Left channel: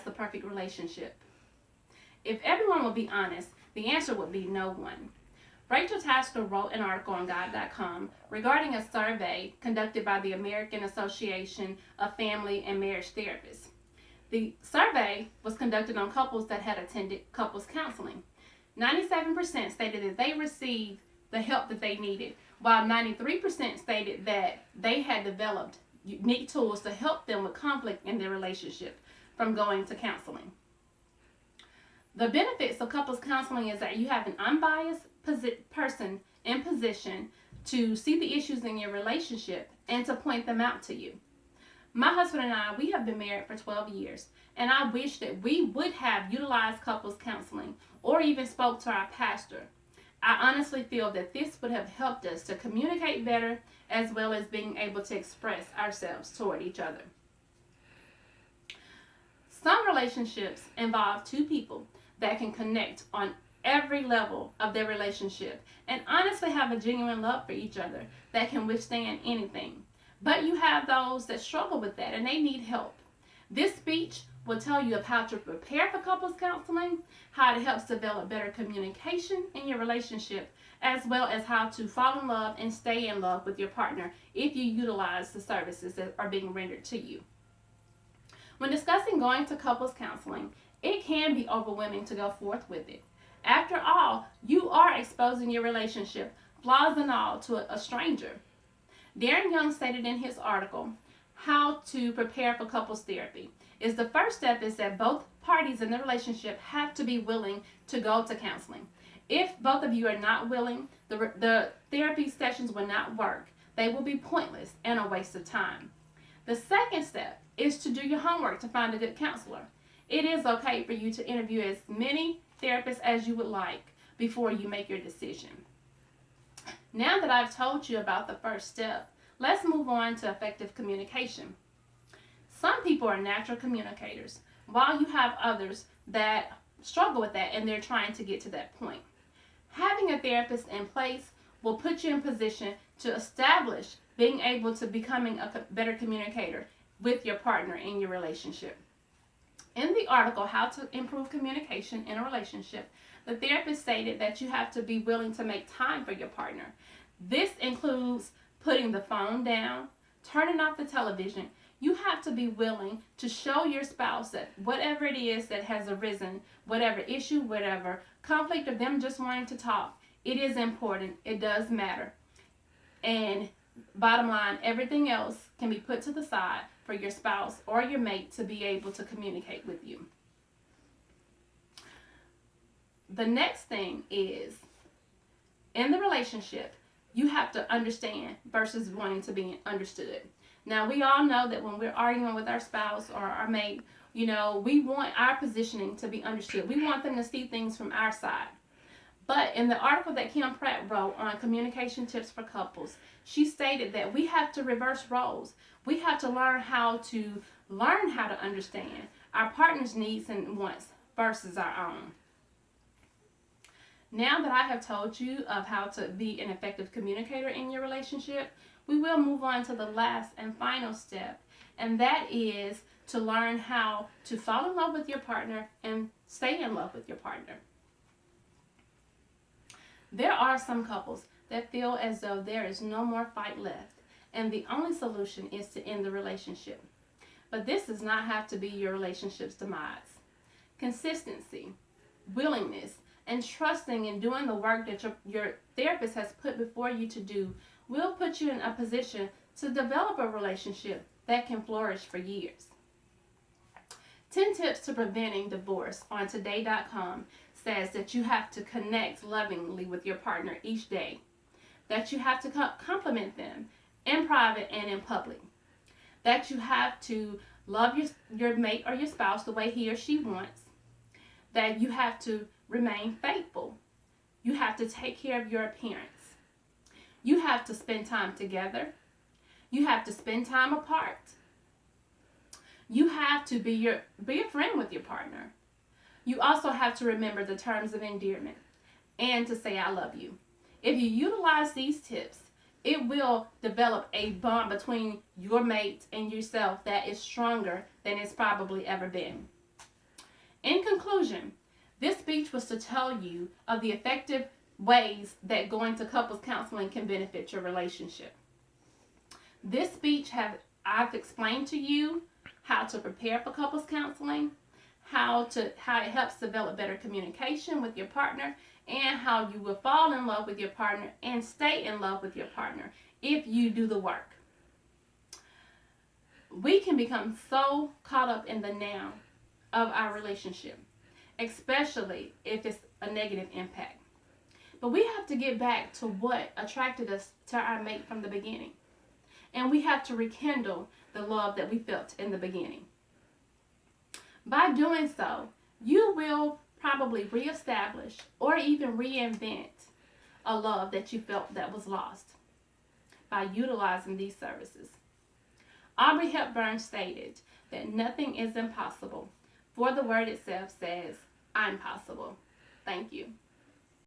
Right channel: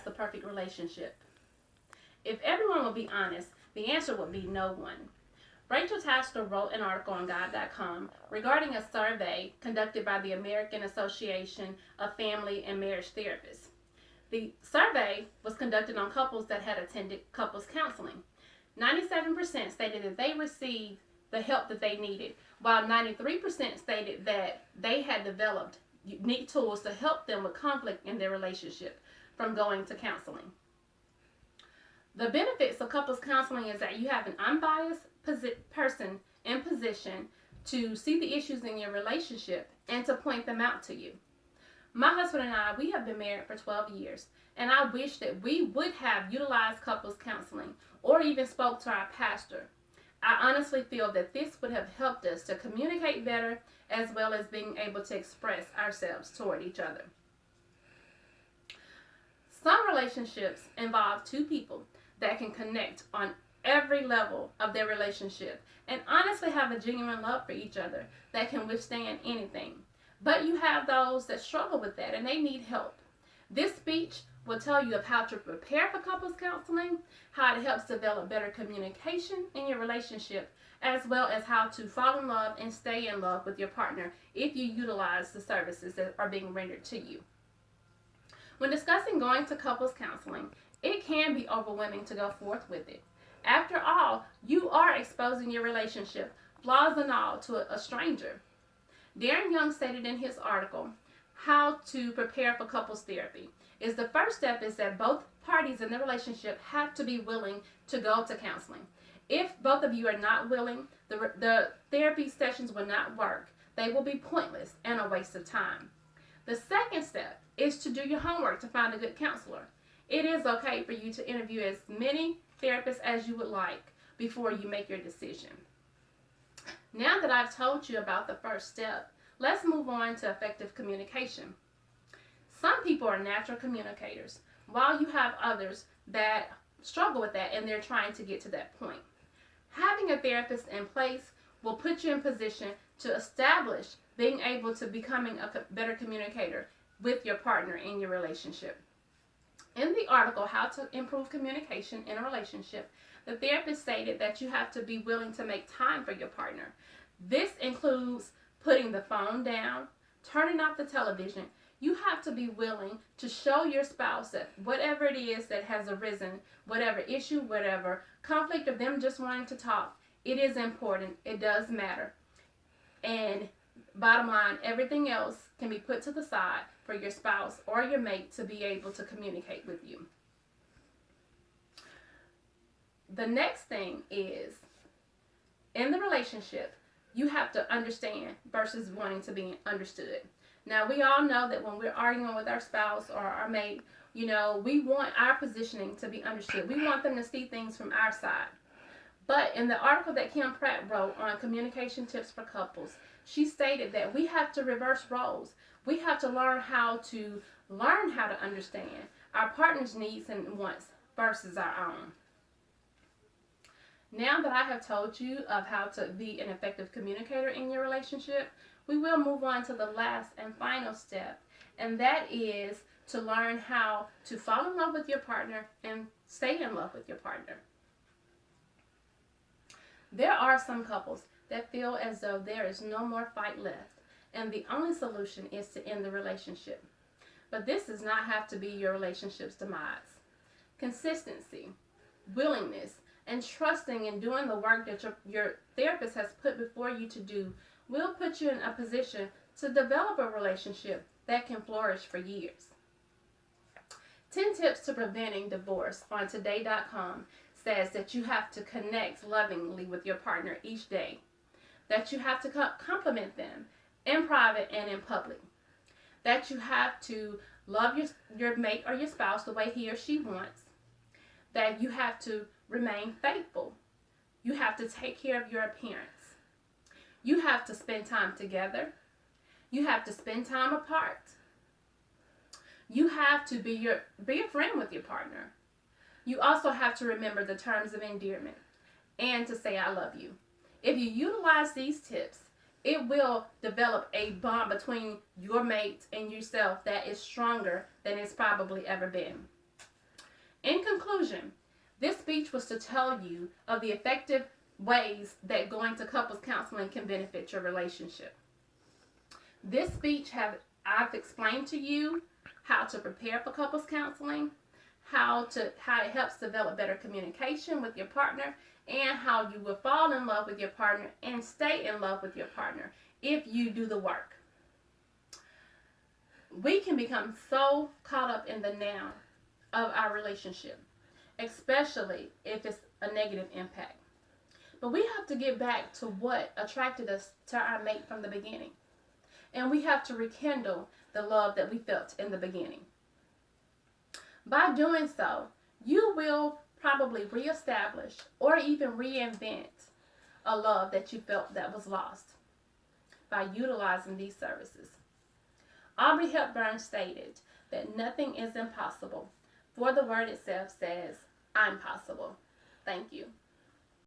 has the perfect relationship? If everyone would be honest, the answer would be no one. Rachel Tasker wrote an article on God.com regarding a survey conducted by the American Association of Family and Marriage Therapists. The survey was conducted on couples that had attended couples counseling. 97% stated that they received the help that they needed, while 93% stated that they had developed unique tools to help them with conflict in their relationship from going to counseling. The benefits of couples counseling is that you have an unbiased person in position to see the issues in your relationship and to point them out to you. My husband and I, we have been married for 12 years, and I wish that we would have utilized couples counseling or even spoke to our pastor. I honestly feel that this would have helped us to communicate better as well as being able to express ourselves toward each other. Some relationships involve two people that can connect on every level of their relationship and honestly have a genuine love for each other that can withstand anything. But you have those that struggle with that and they need help. This speech will tell you of how to prepare for couples counseling, how it helps develop better communication in your relationship, as well as how to fall in love and stay in love with your partner if you utilize the services that are being rendered to you. When discussing going to couples counseling, it can be overwhelming to go forth with it. After all, you are exposing your relationship, flaws and all, to a stranger. Darren Young stated in his article, How to Prepare for Couples Therapy, is the first step is that both parties in the relationship have to be willing to go to counseling. If both of you are not willing, the therapy sessions will not work. They will be pointless and a waste of time. The second step is to do your homework to find a good counselor. It is okay for you to interview as many therapists as you would like before you make your decision. Now that I've told you about the first step, let's move on to effective communication. Some people are natural communicators, while you have others that struggle with that and they're trying to get to that point. Having a therapist in place will put you in position to establish being able to becoming a better communicator with your partner in your relationship. In the article, How to Improve Communication in a Relationship, the therapist stated that you have to be willing to make time for your partner. This includes putting the phone down, turning off the television. You have to be willing to show your spouse that whatever it is that has arisen, whatever issue, whatever conflict of them just wanting to talk, it is important. It does matter. And bottom line, everything else can be put to the side for your spouse or your mate to be able to communicate with you. The next thing is, in the relationship, you have to understand versus wanting to be understood. Now, we all know that when we're arguing with our spouse or our mate, we want our positioning to be understood. We want them to see things from our side. But in the article that Kim Pratt wrote on communication tips for couples, she stated that we have to reverse roles. We have to learn how to understand our partner's needs and wants versus our own. Now that I have told you of how to be an effective communicator in your relationship, we will move on to the last and final step, and that is to learn how to fall in love with your partner and stay in love with your partner. There are some couples that feel as though there is no more fight left, and the only solution is to end the relationship. But this does not have to be your relationship's demise. Consistency, willingness, and trusting in doing the work that your therapist has put before you to do will put you in a position to develop a relationship that can flourish for years. 10 tips to preventing divorce on today.com says that you have to connect lovingly with your partner each day, that you have to compliment them in private and in public, that you have to love your mate or your spouse the way he or she wants, that you have to remain faithful, you have to take care of your appearance, you have to spend time together, you have to spend time apart, you have to be a friend with your partner. You also have to remember the terms of endearment and to say I love you. If you utilize these tips, it will develop a bond between your mate and yourself that is stronger than it's probably ever been. In conclusion, this speech was to tell you of the effective ways that going to couples counseling can benefit your relationship. This speech I've explained to you how to prepare for couples counseling, how it helps develop better communication with your partner, and how you will fall in love with your partner and stay in love with your partner if you do the work. We can become so caught up in the now of our relationship, especially if it's a negative impact. But we have to get back to what attracted us to our mate from the beginning. And we have to rekindle the love that we felt in the beginning. By doing so, you will probably reestablish or even reinvent a love that you felt that was lost by utilizing these services. Audrey Hepburn stated that nothing is impossible, for the word itself says, I'm possible. Thank you.